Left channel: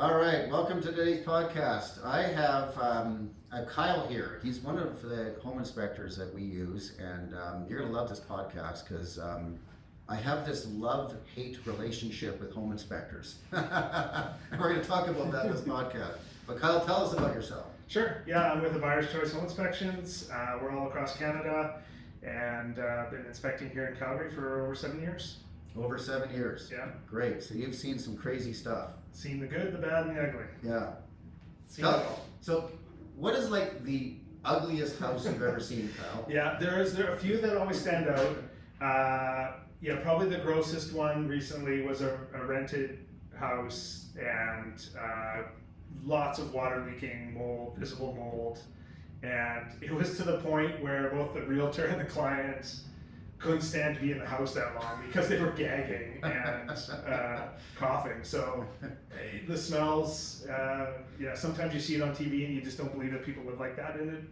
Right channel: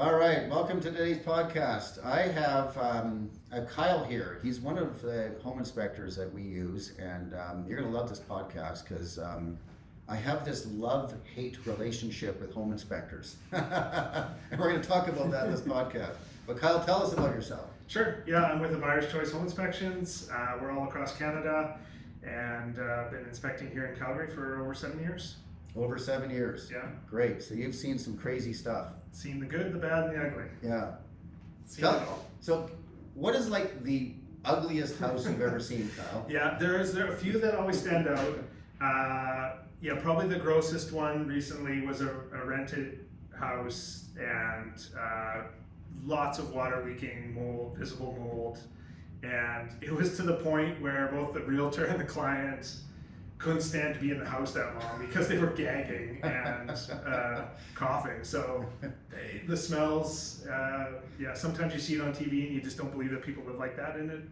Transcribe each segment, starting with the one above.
All right, welcome to today's podcast. I have Kyle here. He's one of the home inspectors that we use, and you're going to love this podcast because I have this love-hate relationship with home inspectors. And we're going to talk about that in this podcast. But Kyle, tell us about yourself. Sure. Yeah, I'm with the Buyer's Choice Home Inspections. We're all across Canada, and been inspecting here in Calgary for over 7 years. Over 7 years. Yeah. Great. So you've seen some crazy stuff. Seen the good, the bad, and the ugly. Yeah. Seen it all. So what is like the ugliest house you've ever seen, Kyle? Yeah, there are a few that always stand out. Probably the grossest one recently was a rented house, and lots of water leaking, mold, visible mold. And it was to the point where both the realtor and the client couldn't stand to be in the house that long because they were gagging and coughing. So the smells, sometimes you see it on TV and you just don't believe that people live like that. And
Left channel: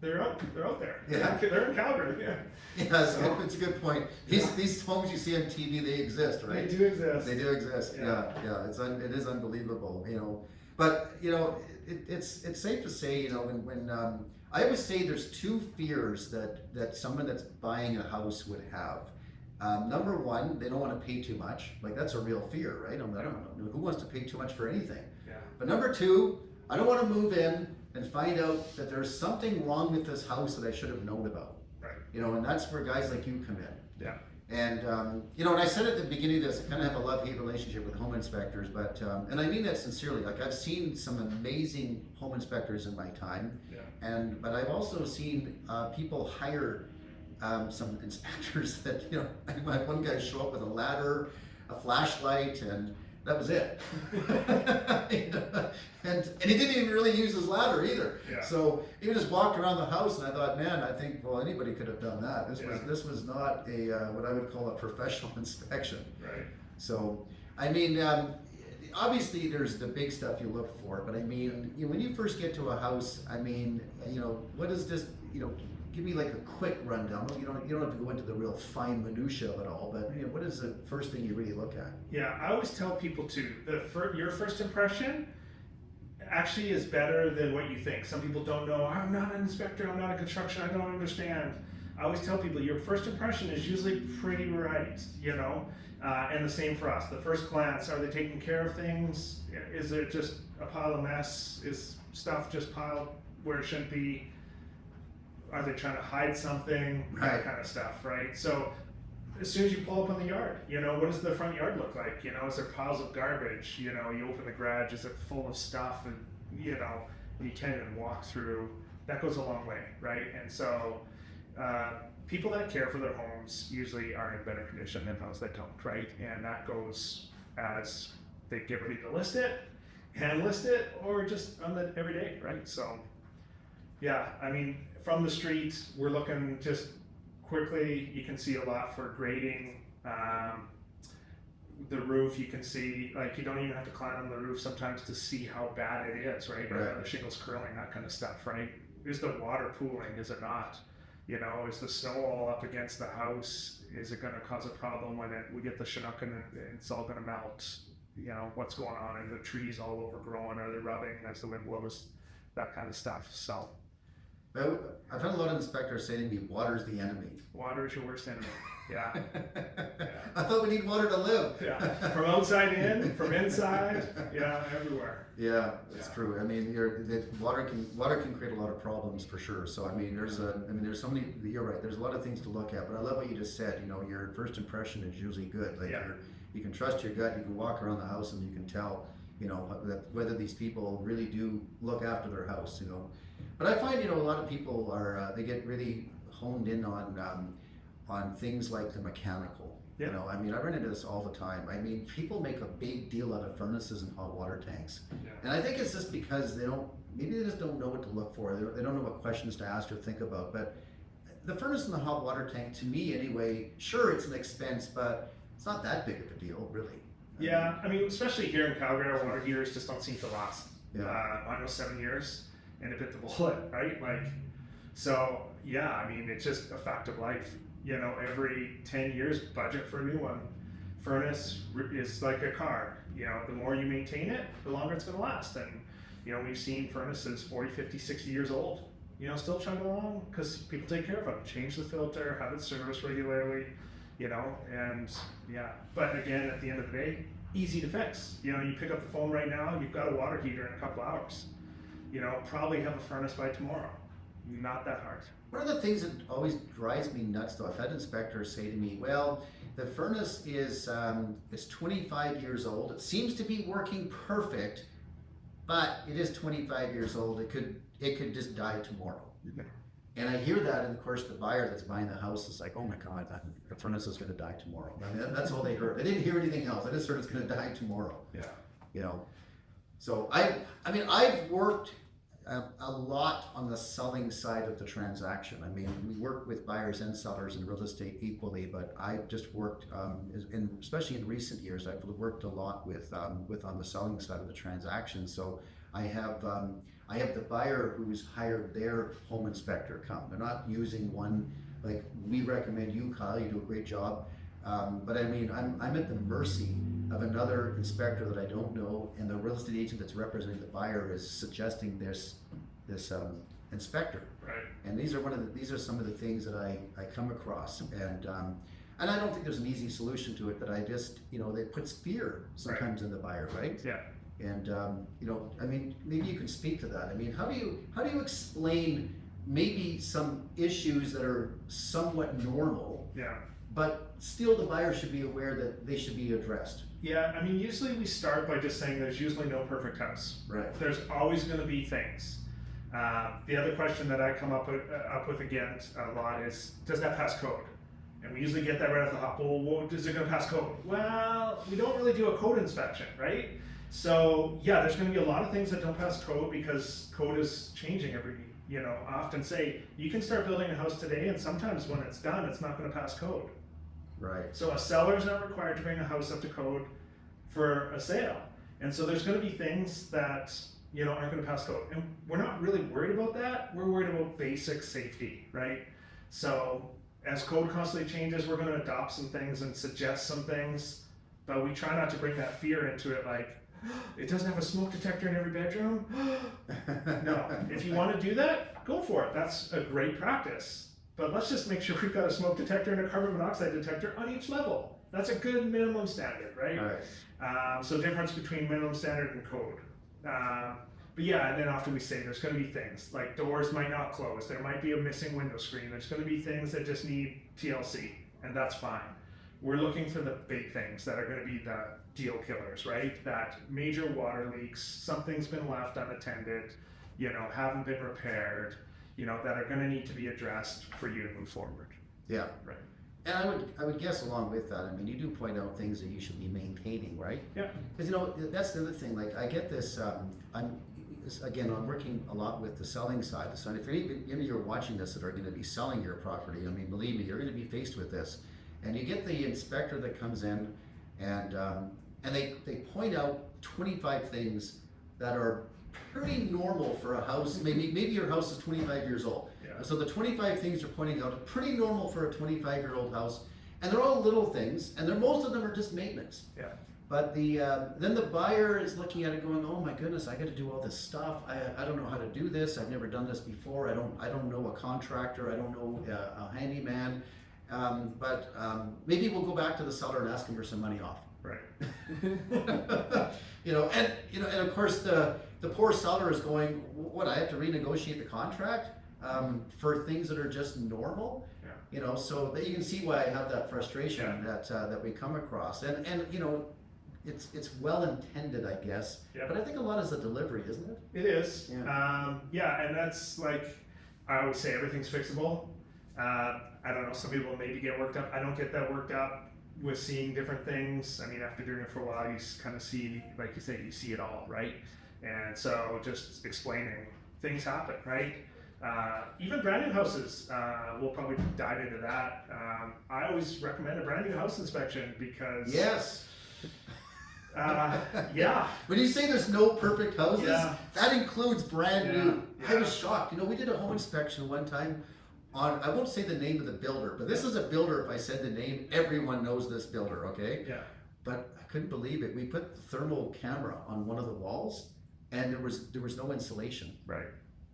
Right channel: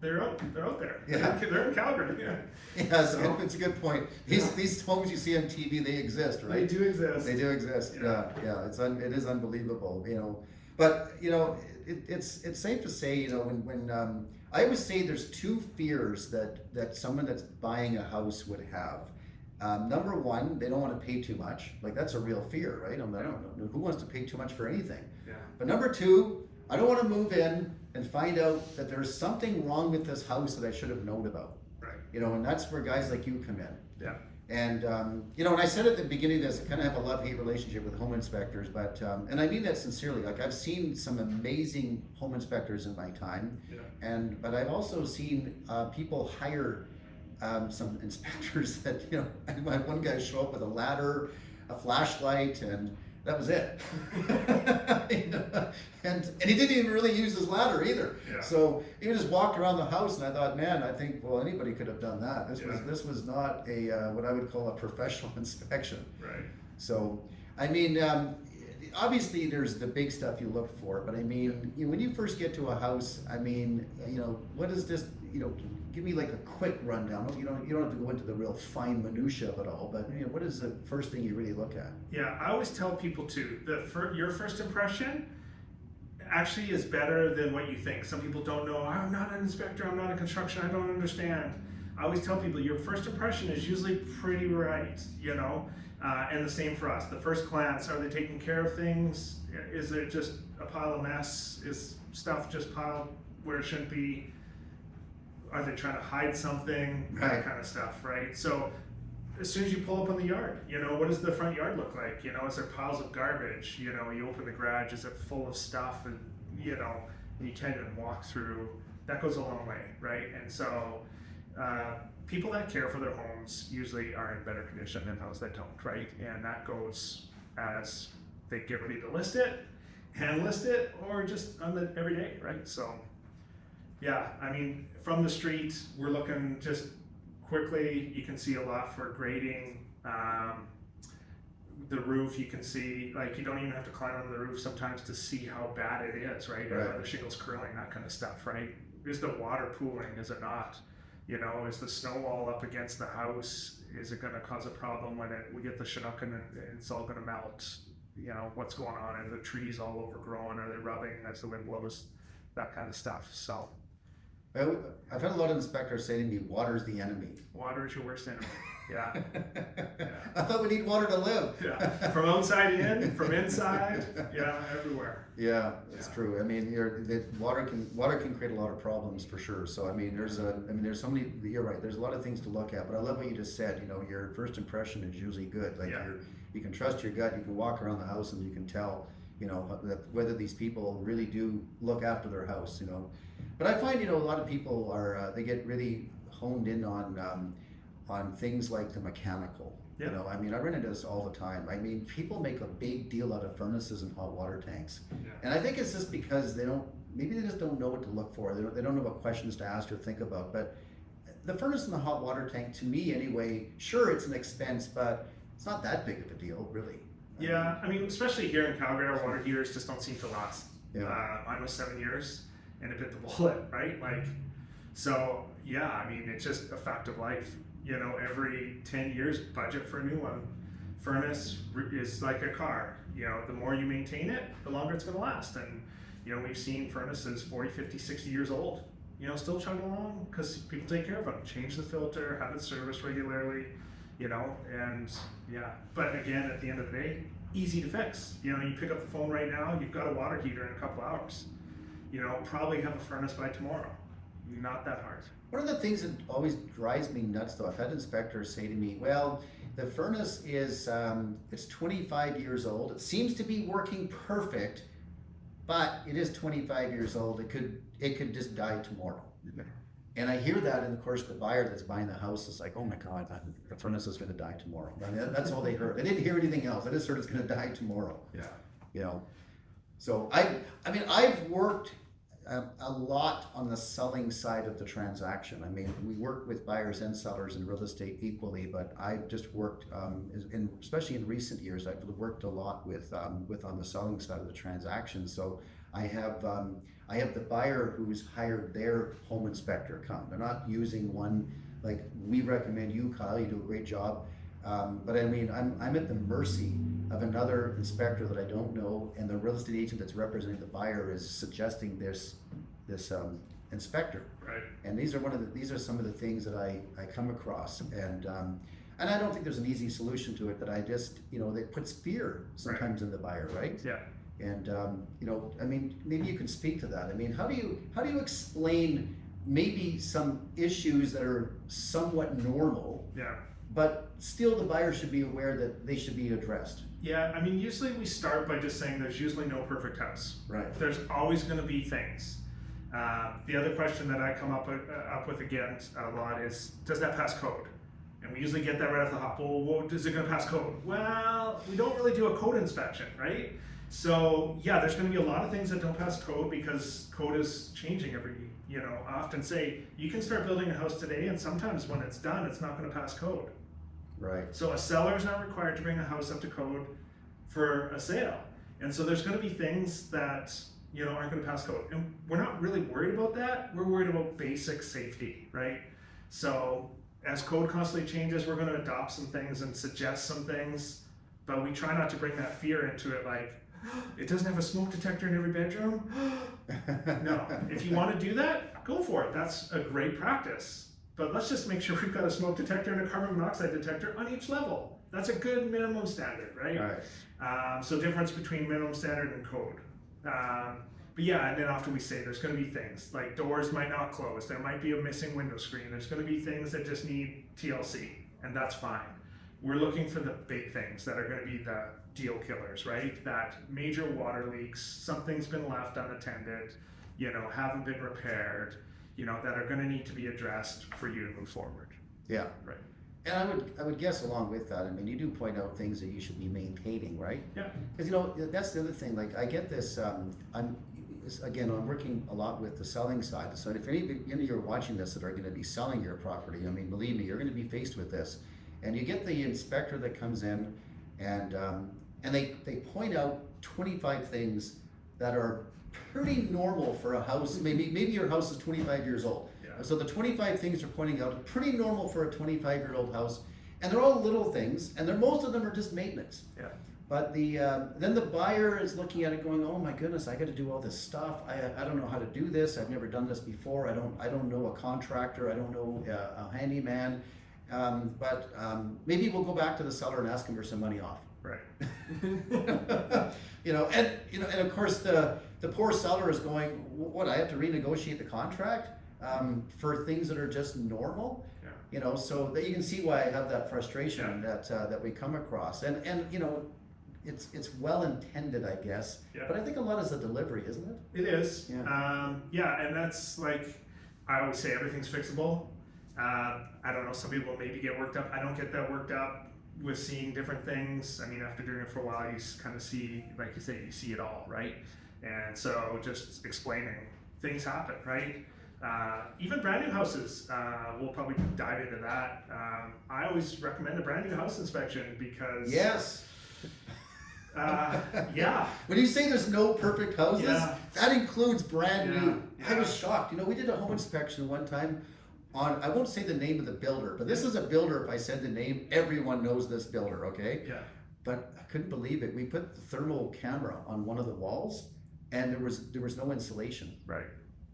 they're out there. Yeah. They're in Calgary. Yeah. Yes, it's a good point. These homes you see on TV, they exist, right? They do exist. They do exist. Yeah. It is unbelievable, But it's safe to say, when I always say there's two fears that someone that's buying a house would have. Number one, they don't want to pay too much. Like, that's a real fear, right? I don't know who wants to pay too much for anything. Yeah. But number two, I don't want to move in and find out that there's something wrong with this house that I should have known about. Right. And that's where guys like you come in. Yeah. And and I said at the beginning of this, I kind of have a love-hate relationship with home inspectors, but and I mean that sincerely. Like, I've seen some amazing home inspectors in my time, but I've also seen people hire some inspectors that I had one guy show up with a ladder, a flashlight, and that was it. And he didn't even really use his ladder either. Yeah. So he just walked around the house, and I thought, man, I think, well, anybody could have done that. This was not a what I would call a professional inspection. Right. So, I mean, obviously there's the big stuff you look for, but I mean, when you first get to a house, I mean, what is this? Give me like a quick rundown. You don't have to go into the real fine minutia of it all, but what is the first thing you really look at? Yeah, I always tell people too, your first impression actually is better than what you think. Some people don't know, I'm not an inspector, I'm not in construction, I don't understand. I always tell people your first impression is usually pretty right, and the same for us. The first glance, are they taking care of things? Is there just a pile of mess? Is stuff just piled where it shouldn't be? Are they trying to hide something? Right. That kind of stuff, right? So as soon as you pull up in the yard, what does the front yard look like? Is there piles of garbage? You open the garage, is it full of stuff? And you tend to walk through. That goes a long way, right? And so people that care for their homes usually are in better condition than those that don't, right? And that goes as they get ready to list it, hand list it, or just on the everyday, right? So yeah, I mean, from the street, we're looking just quickly. You can see a lot for grading. The roof, you can see, like, you don't even have to climb on the roof sometimes to see how bad it is, right? Right. The shingles curling, that kind of stuff, right? Is the water pooling? Is it not? Is the snow all up against the house? Is it going to cause a problem when we get the Chinook and it's all going to melt? What's going on? And the trees all overgrown, or they're rubbing as the wind blows, that kind of stuff. So I've had a lot of inspectors say to me, water's the enemy. Water is your worst enemy. Yeah. I thought we need water to live. Yeah. From outside in, from inside, everywhere. Yeah, it's true. I mean, water can create a lot of problems for sure. So I mean, there's so many. You're right. There's a lot of things to look at. But I love what you just said. Your first impression is usually good. Like, you can trust your gut. You can walk around the house and you can tell, that whether these people really do look after their house. But I find, a lot of people are they get really honed in on things like the mechanical. Yeah. I mean, I run into this all the time. I mean, people make a big deal out of furnaces and hot water tanks. Yeah. And I think it's just because they just don't know what to look for. They don't know what questions to ask or think about. But the furnace and the hot water tank, to me anyway, sure, it's an expense, but it's not that big of a deal, really. Yeah, I mean, especially here in Calgary, our water heaters just don't seem to last. Yeah. Mine was 7 years, and it bit the bullet, right? So yeah, I mean, it's just a fact of life. Every 10 years, budget for a new one. furnace is like a car. You know, the more you maintain it, the longer it's going to last. And, you know, we've seen furnaces 40, 50, 60 years old, you know, still chug along because people take care of them. Change the filter, have it serviced regularly, you know, and yeah. But again, at the end of the day, easy to fix. You know, you pick up the phone right now, you've got a water heater in a couple hours. You know, probably have a furnace by tomorrow. Not that hard. One of the things that always drives me nuts, though, I've had inspectors say to me, well, the furnace is it's 25 years old. It seems to be working perfect, but it is 25 years old. It could just die tomorrow. And I hear that, and of course, the buyer that's buying the house is like, oh my God, the furnace is going to die tomorrow. I mean, that's all they heard. They didn't hear anything else. They just heard it's going to die tomorrow. Yeah. You know, so I mean, I've worked a lot on the selling side of the transaction. I mean, we work with buyers and sellers in real estate equally, but I've just worked, especially in recent years, I've worked a lot with on the selling side of the transaction. So I have the buyer who's hired their home inspector come. They're not using one like we recommend you, Kyle. You do a great job. But I mean, I'm at the mercy of another inspector that I don't know, and the real estate agent that's representing the buyer is suggesting this inspector. Right. And these are some of the things that I come across, and I don't think there's an easy solution to it. But I just, you know, it puts fear sometimes in the buyer, right? Yeah. And you know, I mean, maybe you can speak to that. I mean, how do you explain maybe some issues that are somewhat normal? Yeah. But still, the buyer should be aware that they should be addressed. Yeah, I mean, usually we start by just saying there's usually no perfect house. Right. There's always going to be things. The other question that I come up with again a lot is, does that pass code? And we usually get that right off the hop. Well, is it going to pass code? Well, we don't really do a code inspection, right? So yeah, there's going to be a lot of things that don't pass code because code is changing every. You know, I often say you can start building a house today, and sometimes when it's done, it's not going to pass code. Right. So a seller is not required to bring a house up to code for a sale. And so there's going to be things that, you know, aren't going to pass code. And we're not really worried about that. We're worried about basic safety, right? So as code constantly changes, we're going to adopt some things and suggest some things, but we try not to bring that fear into it, like, it doesn't have a smoke detector in every bedroom. No, if you want to do that, go for it. That's a great practice. But let's just make sure we've got a smoke detector and a carbon monoxide detector on each level. That's a good minimum standard, right? All right. So difference between minimum standard and code. But yeah, and then often we say there's going to be things like doors might not close. There might be a missing window screen. There's going to be things that just need TLC, and that's fine. We're looking for the big things that are going to be the deal killers, right? That major water leaks, something's been left unattended, you know, haven't been repaired, you know, that are going to need to be addressed for you to move forward. Yeah. Right. And I would guess along with that, I mean, you do point out things that you should be maintaining, right? Yeah. Because, you know, that's the other thing. Like, I get this. I'm working a lot with the selling side. So if any of you are watching this that are going to be selling your property, I mean, believe me, you're going to be faced with this. And you get the inspector that comes in, and they point out 25 things that are pretty normal for a house. Maybe your house is 25 years old. Yeah. So the 25 things they're pointing out are pretty normal for a 25-year-old house, and they're all little things, and most of them are just maintenance. Yeah. But then the buyer is looking at it going, oh my goodness, I got to do all this stuff. I don't know how to do this. I've never done this before. I don't know a contractor. I don't know a handyman. But maybe we'll go back to the seller and ask him for some money off. Right. And of course the poor seller is going, what? I have to renegotiate the contract for things that are just normal. Yeah. You know, so that you can see why I have that frustration that we come across, and you know, it's well intended, I guess. Yeah. But I think a lot is the delivery, isn't it? It is. Yeah. And that's like, I always say everything's fixable. I don't know, some people maybe get worked up. I don't get that worked up with seeing different things. I mean, after doing it for a while, you kind of see, like you say, you see it all, right? And so just explaining, things happen, right? Even brand new houses, we'll probably dive into that. I always recommend a brand new house inspection because... Yes. Yeah. When you say there's no perfect houses, Yeah. that includes brand new. Yeah. I was shocked. You know, we did a home inspection one time. I won't say the name of the builder, but this is a builder. If I said the name, everyone knows this builder, okay? Yeah. But I couldn't believe it. We put the thermal camera on one of the walls, and there was no insulation Right.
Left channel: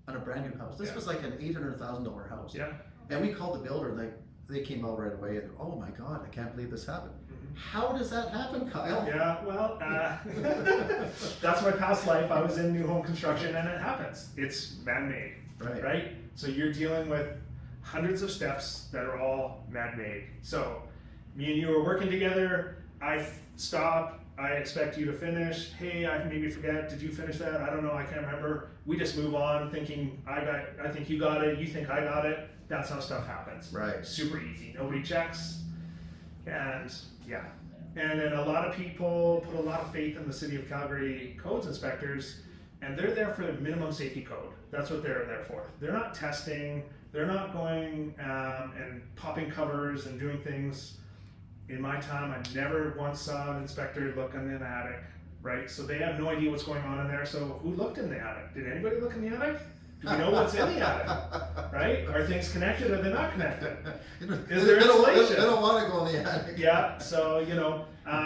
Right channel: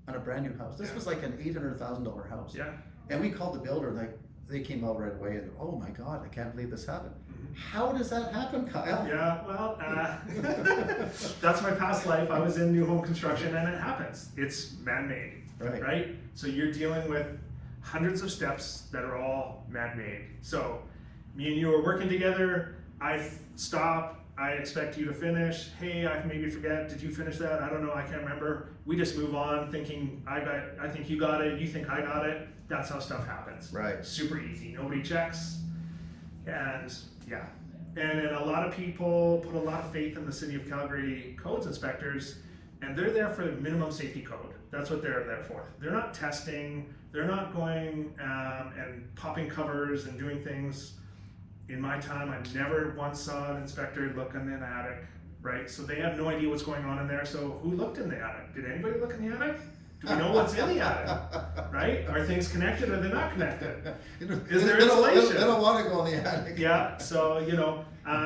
on a brand new house. This was like an $800,000 house. Yeah. And we called the builder, and they came out right away, and oh my God, I can't believe this happened. How does that happen, Kyle? Yeah, well, that's my past life. I was in new home construction, and it happens. It's man-made, right? So you're dealing with hundreds of steps that are all man-made. So me and you are working together. I stop. I expect you to finish. Hey, I maybe forget. Did you finish that? I don't know. I can't remember. We just move on, thinking I think you got it. You think I got it. That's how stuff happens. Right. Super easy. Nobody checks. And yeah, and then a lot of people put a lot of faith in the City of Calgary codes inspectors, and they're there for the minimum safety code. That's what they're there for. They're not testing. They're not going and popping covers and doing things. In my time, I never once saw an inspector look in the attic, right? So they have no idea what's going on in there. So who looked in the attic? Did anybody look in the attic? Do we know what's in the attic, right? Are things connected or they're not connected? Is there insulation? They don't want to go in the attic. Yeah, so,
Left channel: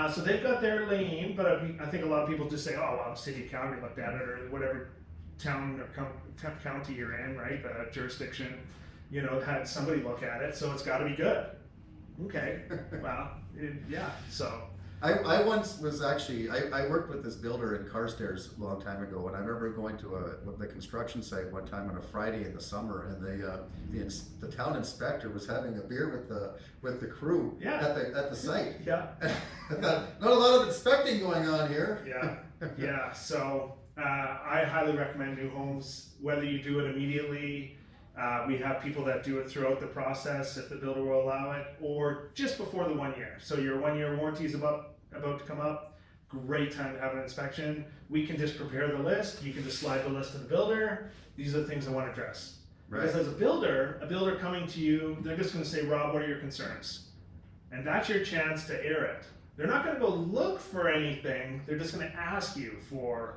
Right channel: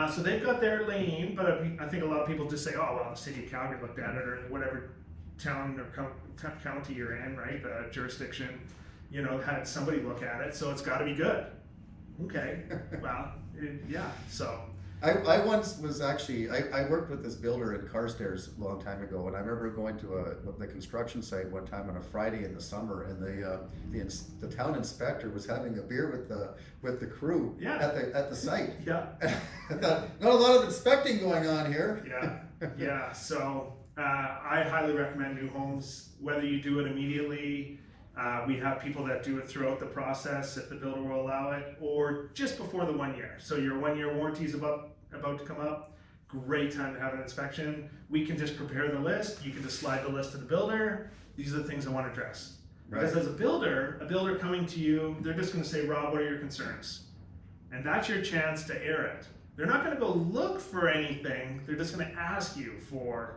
so they've got their lane, but I think a lot of people just say, oh, well, the City of Calgary looked at it, or whatever town or county you're in, right? The jurisdiction, had somebody look at it, so it's got to be good. Okay, well, yeah, so. I once was actually, I worked with this builder in Carstairs a long time ago, and I remember going to the construction site one time on a Friday in the summer, and the town inspector was having a beer with the crew at the site. Yeah. I thought, not a lot of inspecting going on here. Yeah. So I highly recommend new homes, whether you do it immediately. We have people that do it throughout the process if the builder will allow it, or just before the 1 year. So your 1 year warranty is about to come up. Great time to have an inspection. We can just prepare the list. You can just slide the list to the builder. These are the things I want to address. Right. Because as a builder coming to you, they're just going to say, Rob, what are your concerns? And that's your chance to air it. They're not going to go look for anything. They're just going to ask you for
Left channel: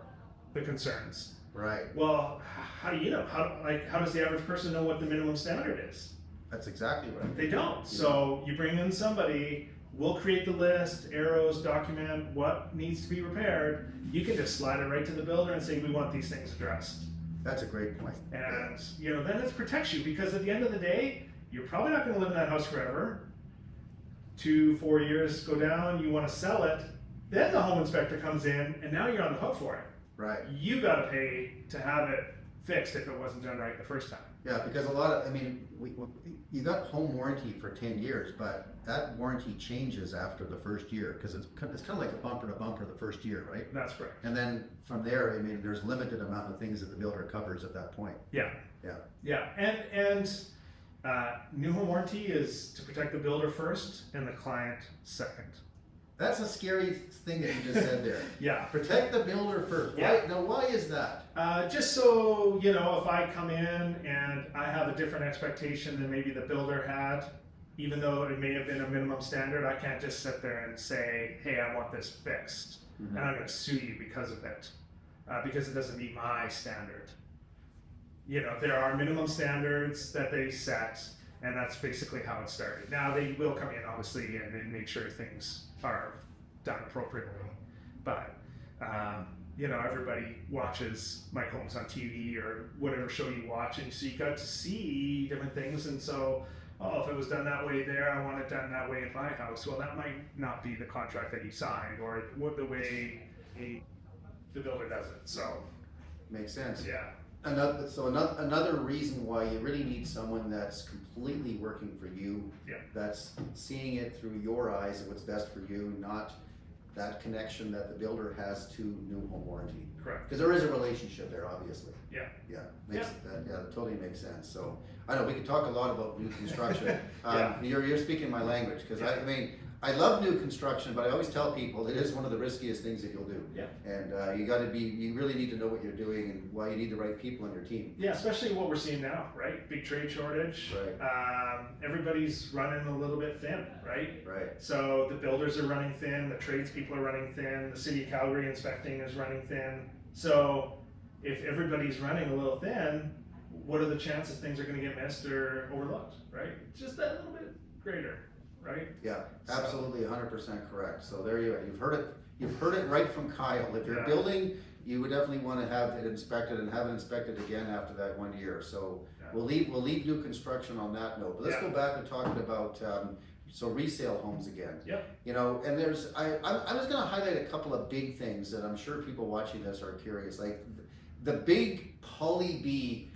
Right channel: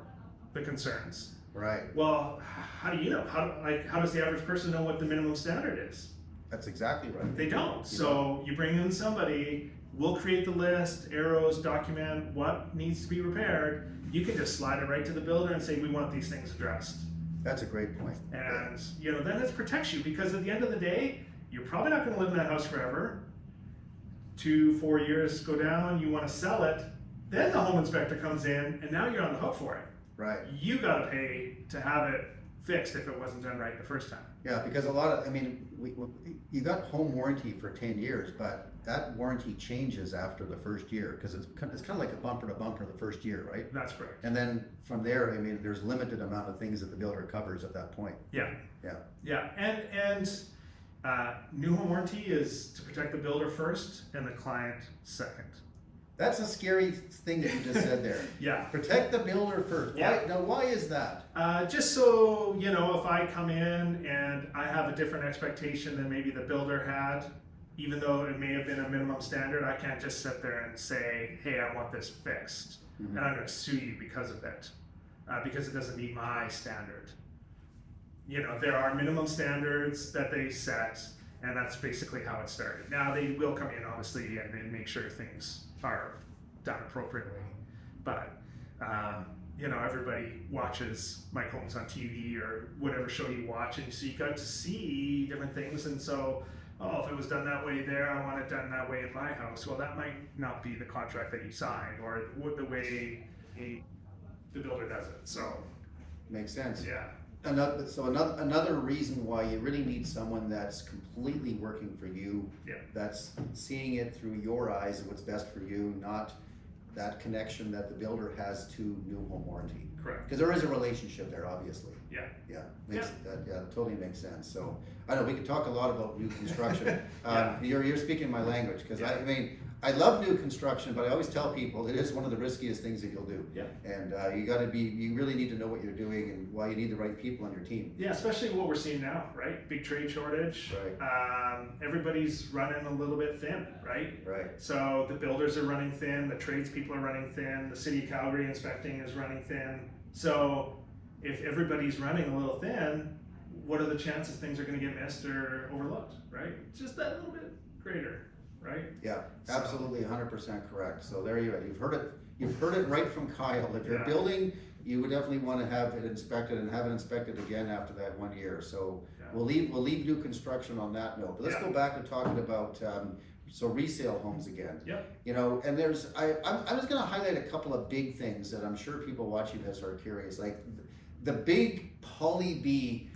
the concerns. Right. Well, how do you know? How does the average person know what the minimum standard is? That's exactly right. They don't. So you bring in somebody, we'll create the list, arrows, document what needs to be repaired. You can just slide it right to the builder and say, we want these things addressed. That's a great point. And then it protects you, because at the end of the day, you're probably not going to live in that house forever. 2-4 years go down, you want to sell it, then the home inspector comes in, and now you're on the hook for it. Right. You got to pay to have it fixed if it wasn't done right the first time. Yeah, because you got home warranty for 10 years, but that warranty changes after the first year, because it's kind of like a bumper to bumper the first year, right? That's correct. And then from there, there's limited amount of things that the builder covers at that point. Yeah. And new home warranty is to protect the builder first and the client second. That's a scary thing that you just said there. Yeah. Protect the builder first. Yeah. Why is that? Just so, if I come in and I have a different expectation than maybe the builder had, even though it may have been a minimum standard, I can't just sit there and say, hey, I want this fixed. Mm-hmm. And I'm going to sue you because of it, because it doesn't meet my standard. There are minimum standards that they set, and that's basically how it started. Now, they will come in, obviously, and make sure things are done appropriately. But, everybody watches Mike Holmes on TV or whatever show you watch, and so you got to see different things. And so, if it was done that way there, I want it done that way at my house. Well, that might not be the contract that you signed, or the way the builder does it. So, makes sense. Yeah. Another reason why you really need someone that's completely working for you, that's seeing it through your eyes and what's best for you, not that connection that the builder has to new home warranty. Correct. Because there is a relationship there, obviously. Yeah. That totally makes sense. So I know we could talk a lot about new construction. Yeah. You're speaking my language, because I love new construction, but I always tell people it is one of the riskiest things that you'll do. Yeah. And you really need to know what you're doing and why you need the right people on your team. Yeah, especially what we're seeing now, right? Big trade shortage. Right. Everybody's running a little bit thin, right? Right. So the builders are running thin, the tradespeople are running thin, the City of Calgary inspecting is running thin. So if everybody's running a little thin, what are the chances things are going to get missed or overlooked, right? Just that little bit greater, right? Yeah, absolutely, 100% correct. So there you go. You've heard it right from Kyle. If you're building, you would definitely want to have it inspected and have it inspected again after that 1 year. So we'll leave new construction on that note. But let's go back to talking about so resale homes again. Yep. You know, and there's I'm just going to highlight a couple of big things that I'm sure people watching this are curious. Like the big poly B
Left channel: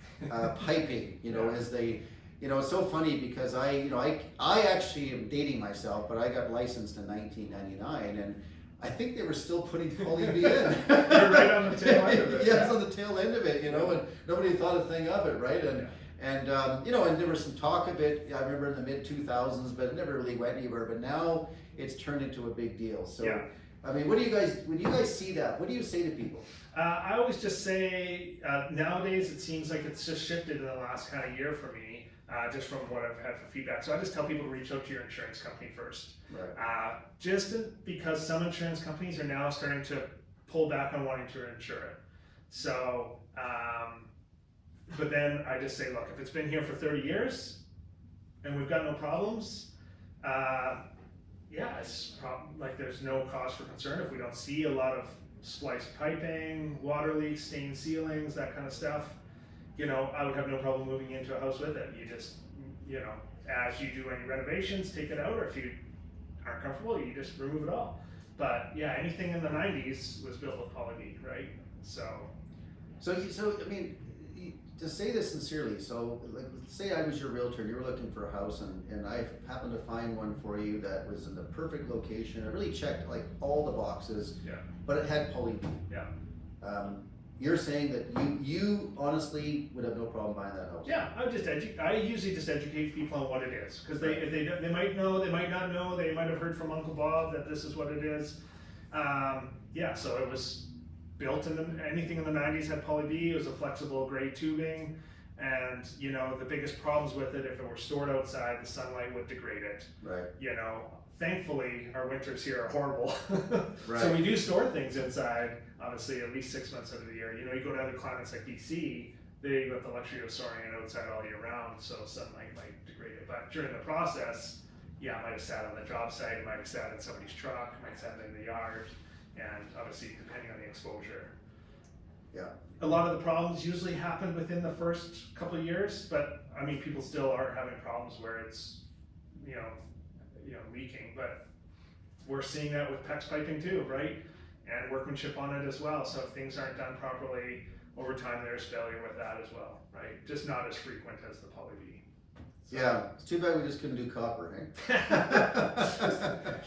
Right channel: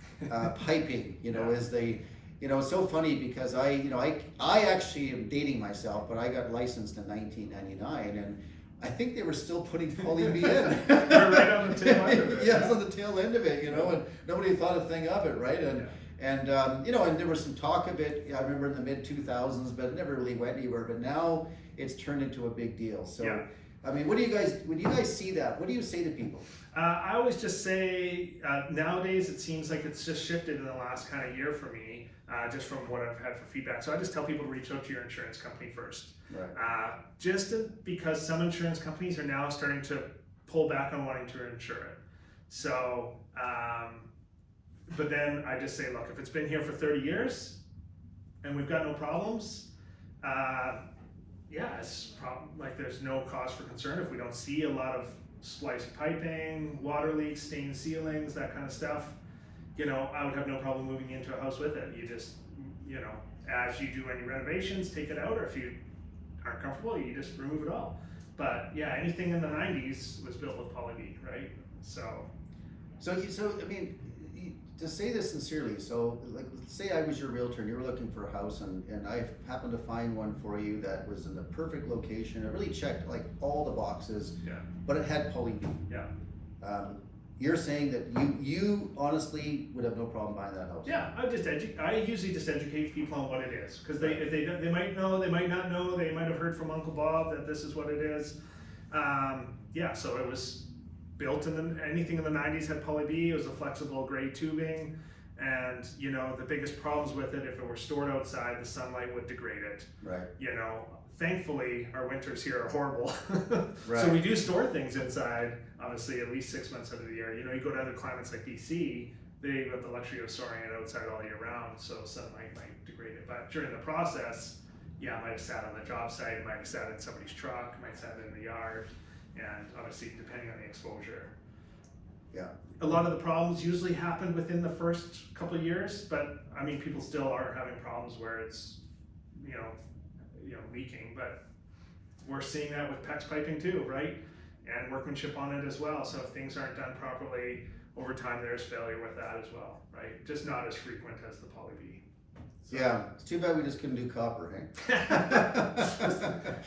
piping. You know, is the it's so funny because I actually am dating myself, but I got licensed in 1999 and I think they were still putting poly B in. You're right on the tail end of it. Yes, on the tail end of it, and nobody thought a thing of it, right? And and there was some talk of it. I remember in the mid 2000s, but it never really went anywhere. But now it's turned into a big deal. So, I mean, when you guys see that, what do you say to people? I always just say nowadays it seems like it's just shifted in the last kind of year for me, just from what I've had for feedback. So I just tell people to reach out to your insurance company first. Right. Because some insurance companies are now starting to pull back on wanting to insure it. So, but then I just say, look, if it's been here for 30 years and we've got no problems, it's like there's no cause for concern if we don't see a lot of spliced piping, water leaks, stained ceilings, that kind of stuff. I would have no problem moving into a house with it. You just, as you do any renovations, take it out, or if you aren't comfortable, you just remove it all. But yeah, anything in the 90s was built with poly B, right? So I mean, to say this sincerely, so like, say I was your realtor, you were looking for a house, and I happened to find one for you that was in the perfect location. It really checked like all the boxes, but it had poly B. You're saying that you honestly would have no problem buying that house? Yeah, I usually just educate people on what it is, because they might know, they might not know, they might have heard from Uncle Bob that this is what it is. So it was built anything in the 90s had poly B. It was a flexible gray tubing, and the biggest problems with it, if it were stored outside, the sunlight would degrade it. Right. Thankfully, our winters here are horrible. Right. So we do store things inside, obviously, at least 6 months out of the year. You go to other climates like BC, they got the luxury of storing it outside all year round, so sunlight might degrade it. But during the process, it might have sat on the job site, it might have sat in somebody's truck, it might have sat in the yard, and obviously, depending on the exposure. Yeah. A lot of the problems usually happen within the first couple of years, but I mean, people still are having problems where it's, leaking, but we're seeing that with PEX piping too, right? And workmanship on it as well. So if things aren't done properly over time, there's failure with that as well, right? Just not as frequent as the poly B. So. Yeah, it's too bad we just couldn't do copper, eh?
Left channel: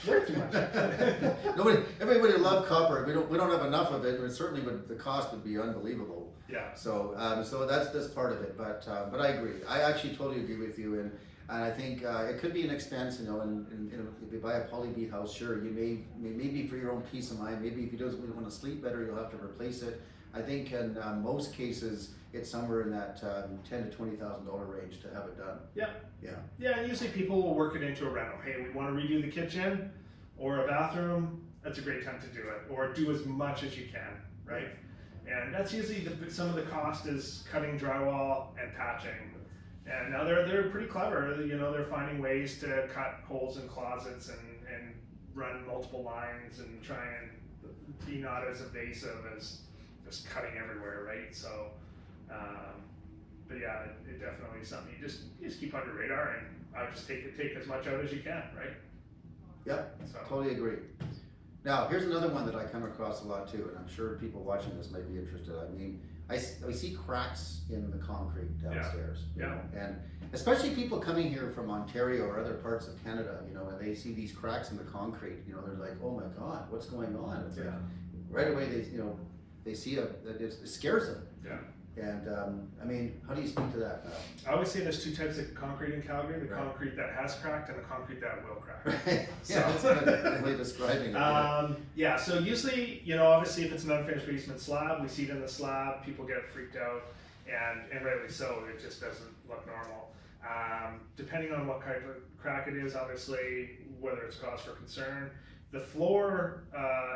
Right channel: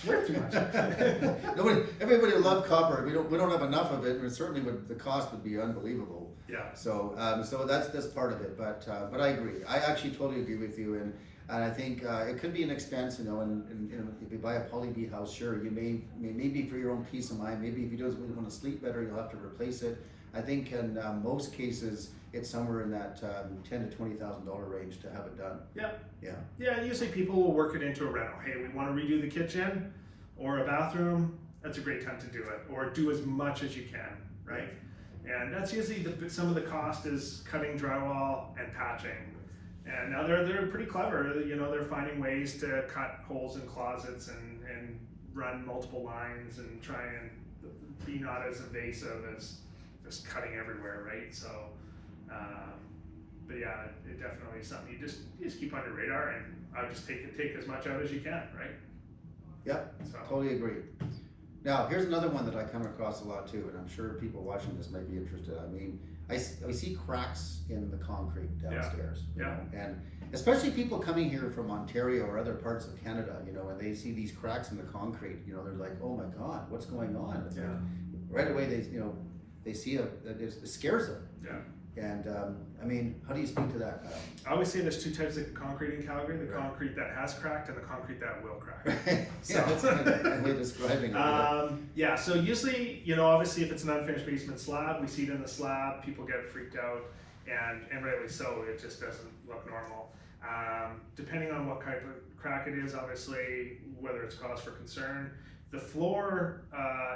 Worth too much. Everybody would love copper. We don't have enough of it, and certainly the cost would be unbelievable. Yeah. So that's part of it. But I agree. I actually totally agree with you, and I think it could be an expense, and if you buy a poly B house, sure, you maybe for your own peace of mind, maybe if you don't want to sleep better, you'll have to replace it. I think in most cases, it's somewhere in that $10,000 to $20,000 range to have it done. Yeah. Yeah. Yeah, and usually people will work it into a rental. Hey, we want to redo the kitchen or a bathroom. That's a great time to do it, or do as much as you can, right? And that's usually some of the cost is cutting drywall and patching. And now they're pretty clever. They're finding ways to cut holes in closets and run multiple lines and try and be not as invasive as just cutting everywhere, right? So, but yeah, it definitely is something you just keep on your radar, and I would just take as much out as you can, right? Yep, So. totally agree. Now, here's another one that I come across a lot too, and I'm sure people watching this might be interested. I mean, I see cracks in the concrete downstairs, you know, and especially people coming here from Ontario or other parts of Canada, and they see these cracks in the concrete, they're like, oh my God, what's going on? It's like, right away they see it scares them. Yeah. And I mean, how do you speak to that? I always say there's two types of concrete in Calgary: the concrete that has cracked and the concrete that will crack. Right. Yeah, that's a good way of describing it. So usually, obviously, if it's an unfinished basement slab, we see it in the slab. People get freaked out, and rightly so. It just doesn't look normal. Depending on what type of crack it is, obviously, whether it's cause for concern. The floor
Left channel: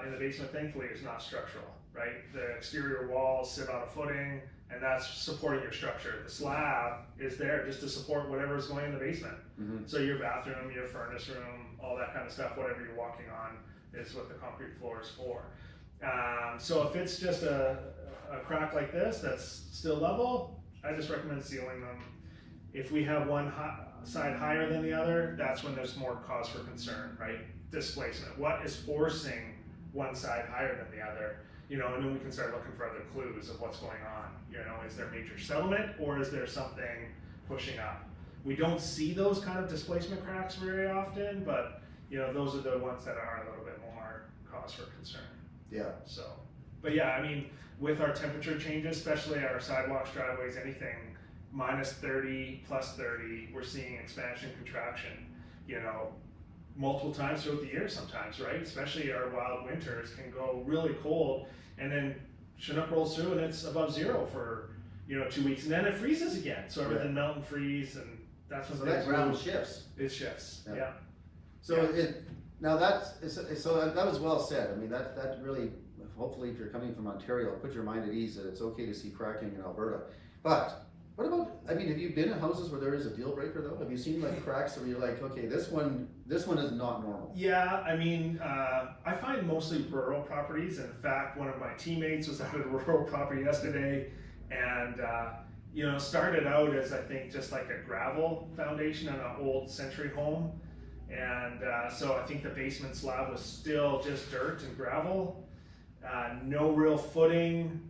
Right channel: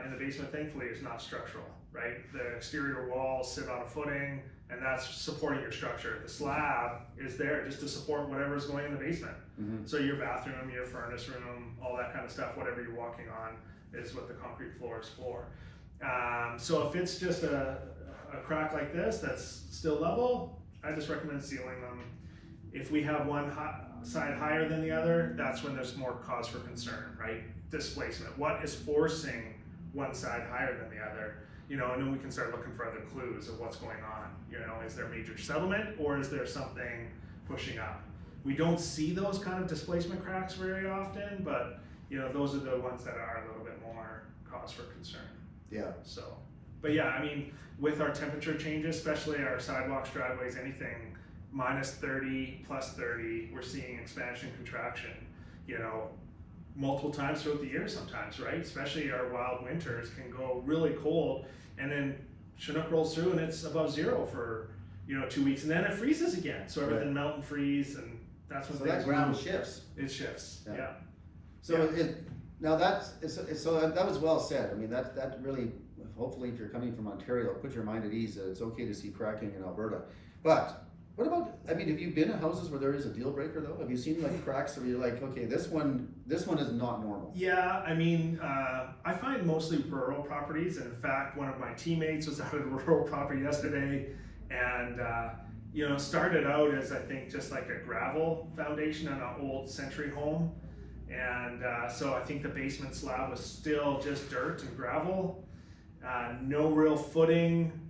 in the basement, thankfully, is not structural, right? The exterior walls sit on a footing, and that's supporting your structure. The slab is there just to support whatever's going in the basement. Mm-hmm. So your bathroom, your furnace room, all that kind of stuff, whatever you're walking on, is what the concrete floor is for. So if it's just a crack like this that's still level, I just recommend sealing them. If we have one side higher than the other, that's when there's more cause for concern, right? Displacement. What is forcing one side higher than the other? You know, and then we can start looking for other clues of what's going on. You know, is there major settlement or is there something pushing up? We don't see those kind of displacement cracks very often, but you know, those are the ones that are a little bit more cause for concern. Yeah. So, but yeah, I mean, with our temperature changes, especially our sidewalks, driveways, anything minus 30, plus 30, we're seeing expansion, contraction, you know, multiple times throughout the year sometimes, right? Especially our wild winters can go really cold, and then Chinook rolls through and it's above zero for, you know, 2 weeks, and then it freezes again. So everything melt and freeze, and that's when so that ground shifts. It shifts, yeah. So now that was well said. I mean, that really, hopefully, if you're coming from Ontario, put your mind at ease that it's okay to see cracking in Alberta. But what about? I mean, have you been in houses where there is a deal breaker though? Have you seen like cracks where you're like, okay, this one is not normal? Yeah, I mean, I find mostly rural properties. And in fact, one of my teammates was out at a rural property yesterday, and you know, started out as, I think, just like a gravel foundation on an old century home. And so I think the basement slab was still just dirt and gravel, no real footing,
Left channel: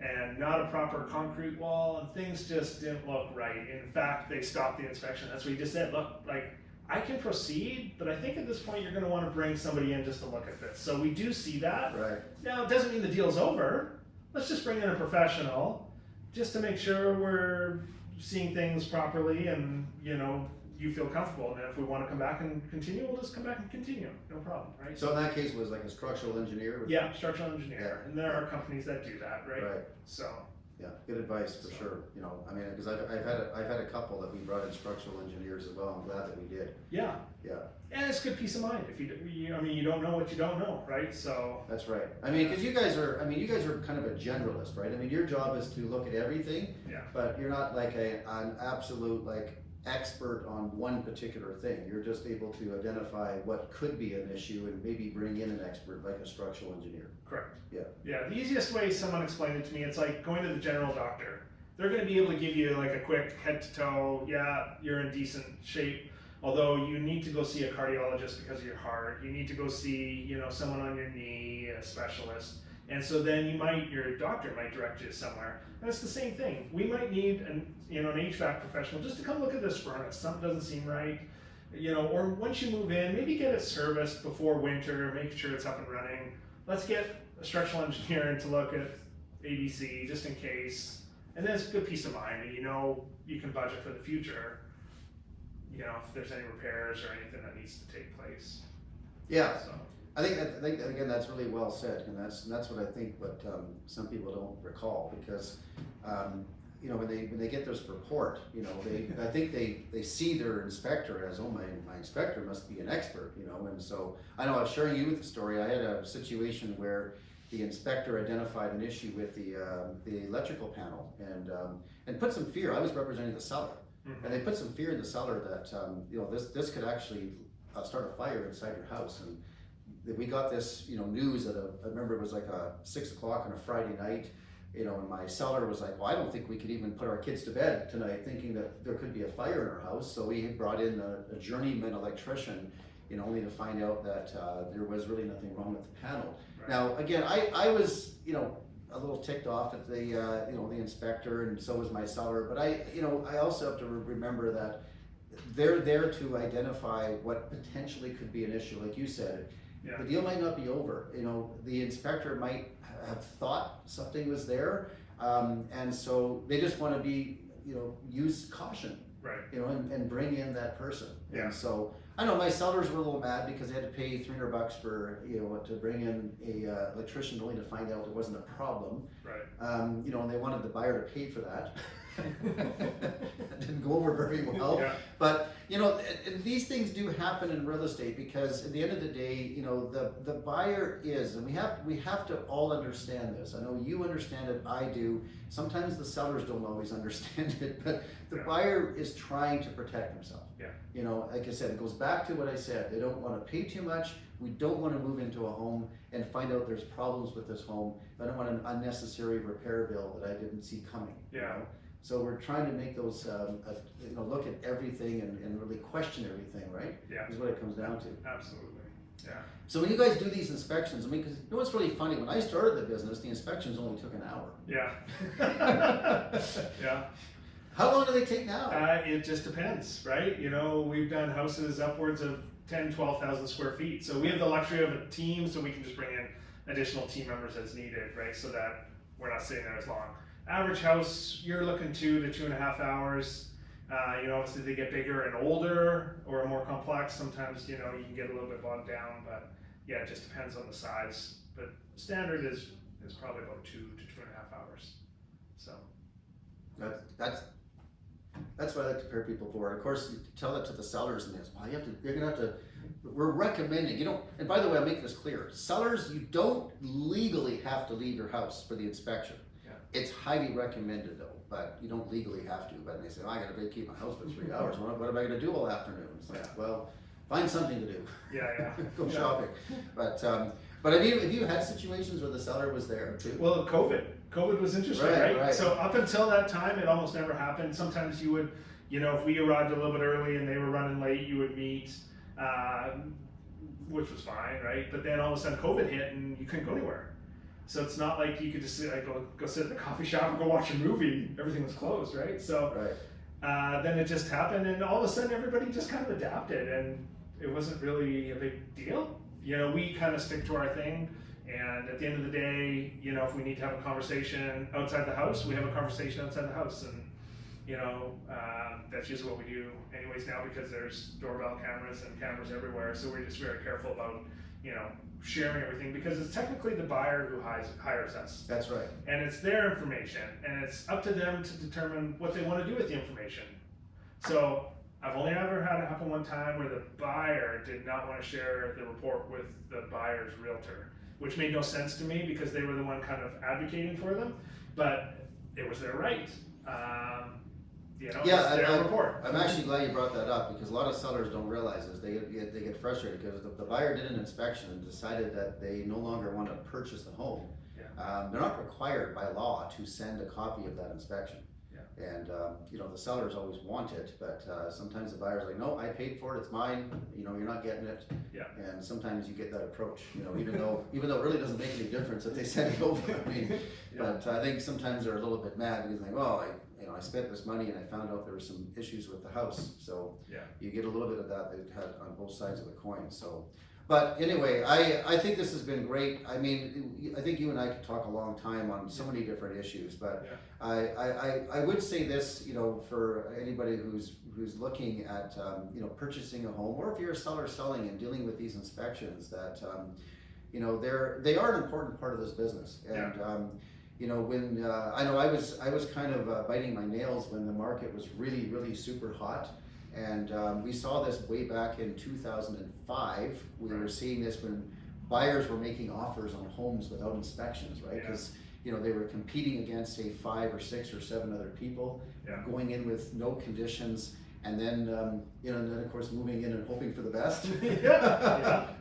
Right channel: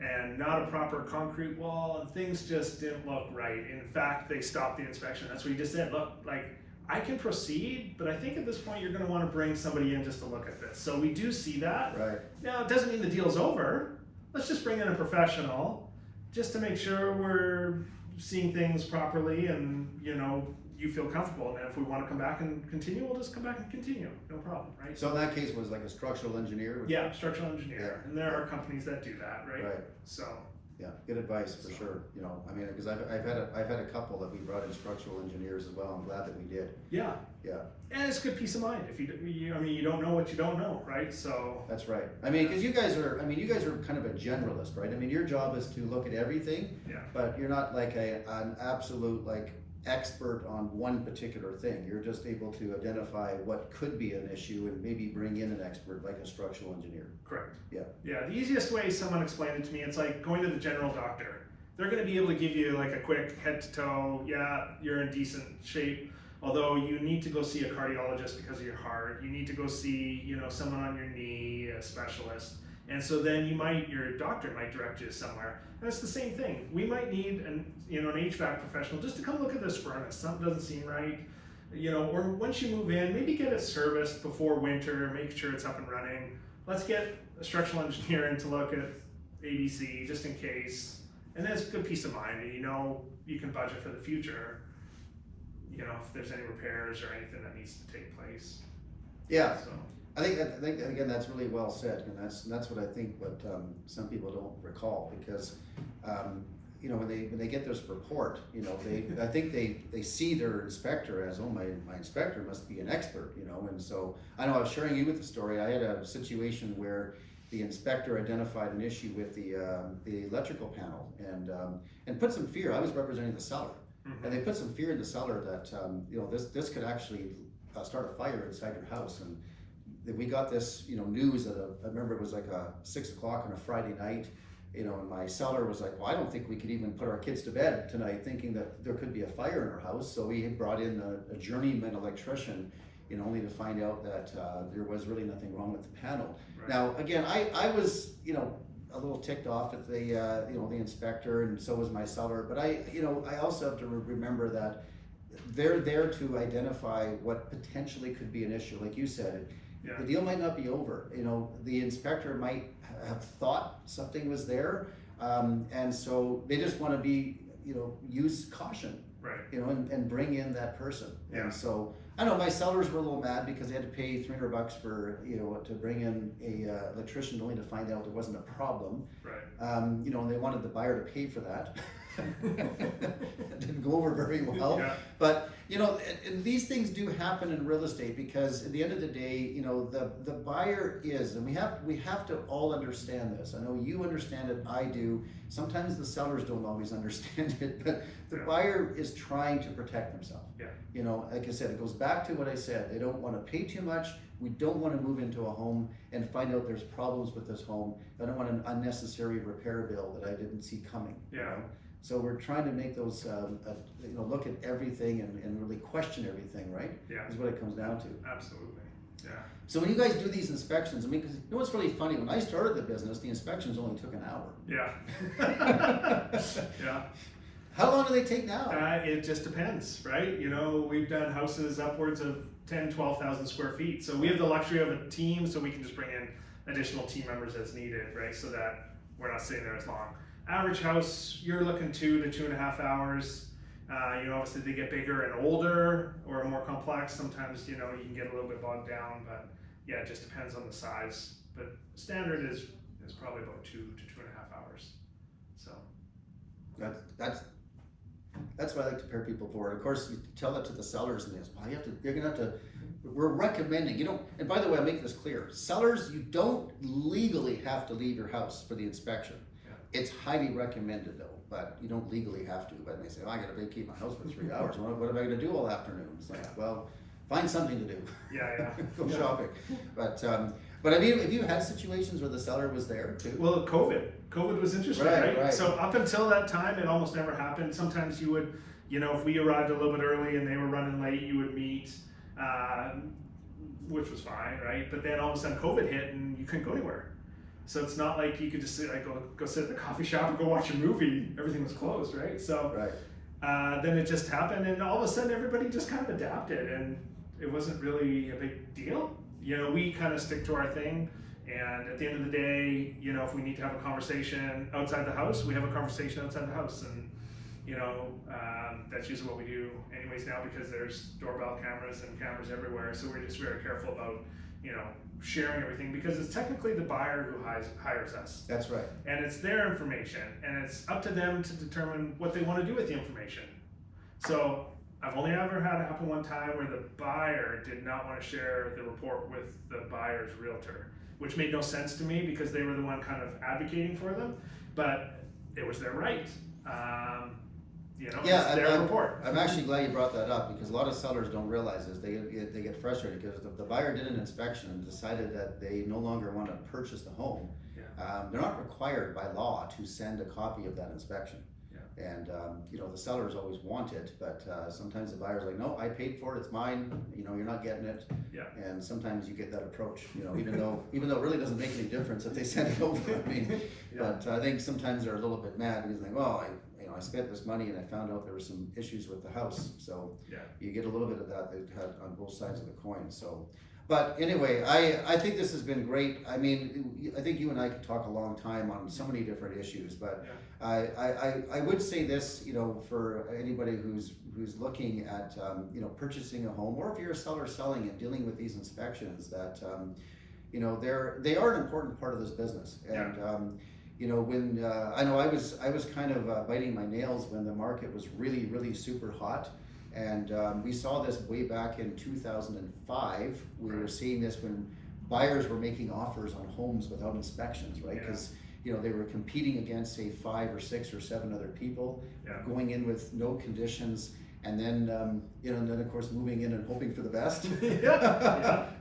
and not a proper concrete wall, and things just didn't look right. In fact, they stopped the inspection. That's what he just said. Look, like, I can proceed, but I think at this point you're going to want to bring somebody in just to look at this. So we do see that. Right. Now, it doesn't mean the deal's over. Let's just bring in a professional just to make sure we're seeing things properly, and, you know, you feel comfortable. And if we want to come back and continue, we'll just come back and continue. No problem, right? So in that case, it was like a structural engineer? Yeah, structural engineer. Yeah. And there are companies that do that, right? Right. So. Yeah, good advice for sure. You know, I mean, because I've had a couple that we brought in structural engineers as well. I'm glad that we did. Yeah. Yeah. And it's good peace of mind. If I mean, you don't know what you don't know, right? So. That's right. I mean, because you guys are kind of a generalist, right? I mean, your job is to look at everything. Yeah. But you're not like an absolute like expert on one particular thing. You're just able to identify what could be an issue and maybe bring in an expert like a structural engineer. Correct. Yeah. Yeah, the easiest way someone explained it to me, it's like going to the general doctor. They're going to be able to give you like a quick head to toe, yeah, you're in decent shape, although you need to go see a cardiologist because of your heart. You need to go see, you know, someone on your knee, a specialist. And so then your doctor might direct you to somewhere. And it's the same thing. We might need an HVAC professional just to come look at this furnace. Something doesn't seem right. You know, or once you move in, maybe get it serviced before winter, make sure it's up and running. Let's get a structural engineer in to look at ADC just in case. And then it's good peace of mind. You know, you can budget for the future, you know, if there's any repairs or anything that needs to take place. Yeah. So. I think again that's really well said, and that's what I think. But some people don't recall because you know, when they get this report, you know, I think they see their inspector as, oh, my inspector must be an expert, you know. And so I know I was sharing you with the story. I had a situation where the inspector identified an issue with the electrical panel and put some fear. I was representing the seller, and they put some fear in the seller that you know, this could actually start a fire inside your house. And we got this, you know, news at I remember it was like 6 o'clock on a Friday night, you know, and my seller was like, well, I don't think we could even put our kids to bed tonight thinking that there could be a fire in our house. So we had brought in a journeyman electrician, you know, only to find out that there was really nothing wrong with the panel. Right. Now, again, I was, you know, a little ticked off at the, you know, the inspector, and so was my seller. But I also have to remember that they're there to identify what potentially could be an issue, like you said. Yeah. The deal might not be over. You know, the inspector might have thought something was there, and so they just want to be, you know, use caution, right? You know, and bring in that person. Yeah. And so I know my sellers were a little mad because they had to pay $300 for, you know, to bring in a electrician only to find out it wasn't a problem. Right. You know, and they wanted the buyer to pay for that. It didn't go over very well. Yeah. But you know, and these things do happen in real estate because at the end of the day, you know, the buyer is, and we have to all understand this. I know you understand it, I do. Sometimes the sellers don't always understand it, but the buyer is trying to protect themselves. Yeah. You know, like I said, it goes back to what I said. They don't want to pay too much. We don't want to move into a home and find out there's problems with this home. I don't want an unnecessary repair bill that I didn't see coming. Yeah. You know? So we're trying to make those, you know, look at everything and really question everything, right? Yeah. Is what it comes down to. Absolutely. Yeah. So when you guys do these inspections, I mean, because you know what's really funny? When I started the business, the inspections only took an hour. Yeah. Yeah. How long do they take now? It just depends, right? You know, we've done houses upwards of 10, 12,000 square feet. So we have the luxury of a team, so we can just bring in additional team members as needed, right? So that we're not sitting there as long. Average house, you're looking 2 to 2.5 hours. You know, obviously they get bigger and older or more complex. Sometimes, you know, you can get a little bit bogged down, but yeah, it just depends on the size. But standard is probably about 2 to 2.5 hours. So that's what I like to prepare people for. Of course, you tell it to the sellers and this. Well, you're gonna have to. We're recommending. You don't. And by the way, I'll make this clear. Sellers, you don't legally have to leave your house for the inspection. Yeah. It's highly recommended though, but you don't legally have to. But they say, oh, I got to vacate my house for 3 hours. What am I going to do all afternoon? It's like, well, find something to do. Yeah, yeah. Go shopping. But have you had situations where the seller was there too? Well, COVID was interesting, right? So up until that time, it almost never happened. Sometimes you would, you know, if we arrived a little bit early and they were running late, you would meet, which was fine, right? But then all of a sudden COVID hit and you couldn't go anywhere. So it's not like you could just sit, like, go sit at the coffee shop and go watch a movie. Everything was closed, right? So then it just happened, and all of a sudden everybody just kind of adapted, and it wasn't really a big deal. You know, we kind of stick to our thing, and at the end of the day, you know, if we need to have a conversation outside the house, we have a conversation outside the house, and you know, that's usually what we do anyways now, because there's doorbell cameras and cameras everywhere. So we're just very careful about, you know, sharing everything, because it's technically the buyer who hires us. That's right. And it's their information, and it's up to them to determine what they want to do with the information. So I've only ever had it happen one time where the buyer did not want to share the report with the buyer's realtor, which made no sense to me because they were the one kind of advocating for them, but it was their right. You know, yeah, it's their report. I'm actually glad you brought that up, because a lot of sellers don't realize this. They get frustrated because the buyer did an inspection and decided that they no longer want to purchase the home. Yeah. They're not required by law to send a copy of that inspection. Yeah. And you know, the sellers always want it, but sometimes the buyer's like, no, I paid for it, it's mine. You know, you're not getting it. Yeah. And sometimes you get that approach. You know, even though it really doesn't make any difference if they send it over. I mean, yeah. But I think sometimes they're a little bit mad because they think, oh, I spent this money and I found out there were some issues with the house. So yeah, you get a little bit of that on both sides of the coin. So, but anyway, I think this has been great. I mean, I think you and I could talk a long time on so many different issues, but yeah. I would say this, you know, for anybody who's looking at, you know, purchasing a home, or if you're a seller selling and dealing with these inspections, that, you know, they are an important part of this business. And, yeah. You know, when I know I was kind of biting my nails when the market was really, really super hot, and we saw this way back in 2005. We were seeing this when buyers were making offers on homes without inspections, right? Because you know, they were competing against, say, 5 or 6 or 7 other people, going in with no conditions, and then you know, and then of course moving in and hoping for the best.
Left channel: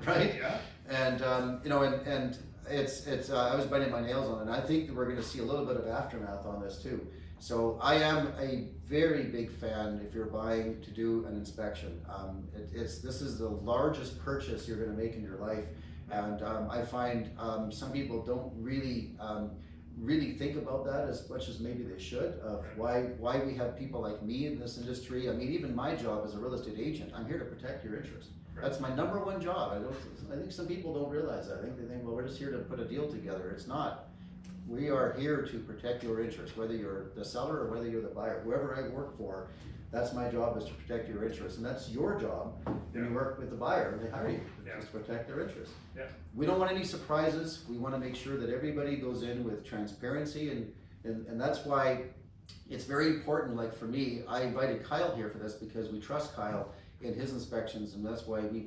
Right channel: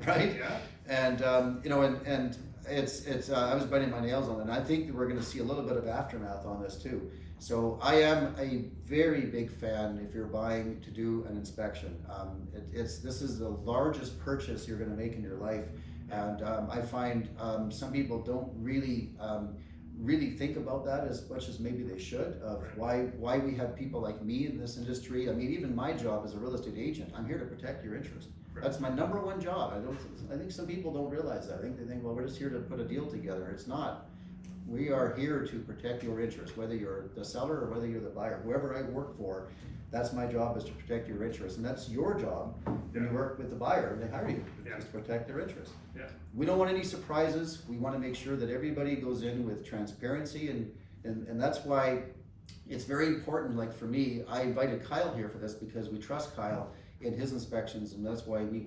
Right? Yeah. And you know, and it's I was biting my nails on it, and I think that we're going to see a little bit of aftermath on this too. So I am a very big fan if you're buying to do an inspection. This is the largest purchase you're going to make in your life, and I find some people don't really think about that as much as maybe they should, of why we have people like me in this industry. I mean, even my job as a real estate agent, I'm here to protect your interest. That's my number one job. I think some people don't realize that. I think they think, well, we're just here to put a deal together. It's not. We are here to protect your interest, whether you're the seller or whether you're the buyer. Whoever I work for, that's my job, is to protect your interest. And that's your job when you work with the buyer and they hire you, is to protect their interest. Yeah. We don't want any surprises. We want to make sure that everybody goes in with transparency, and that's why, it's very important. Like for me, I invited Kyle here for this because we trust Kyle in his inspections, and that's why we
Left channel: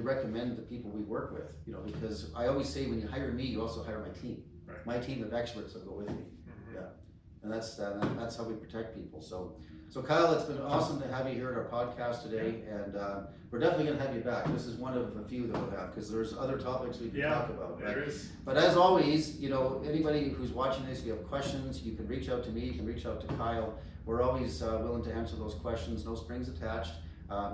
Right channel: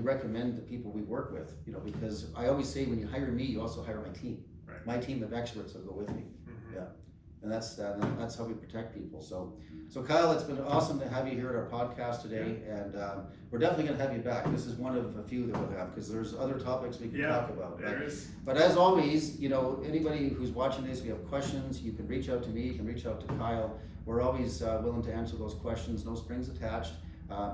recommend the people we work with. You know, because I always say when you hire me, you also hire my team. Right. My team of experts will go with me. Mm-hmm. Yeah, and that's how we protect people. So Kyle, it's been awesome to have you here at our podcast today, and we're definitely going to have you back. This is one of a few that we'll have because there's other topics we can talk about. There is. But as always, you know, anybody who's watching this, if you have questions, you can reach out to me, you can reach out to Kyle. We're always willing to answer those questions, no strings attached.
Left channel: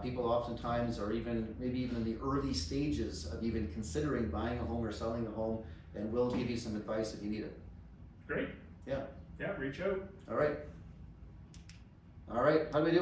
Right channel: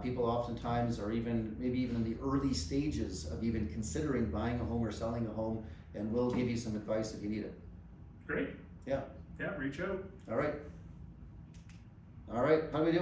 People oftentimes are maybe even in the early stages of even considering buying a home or selling a home, and we'll give you some advice if you need it. Great. Yeah. Yeah, reach out. All right. How do we do?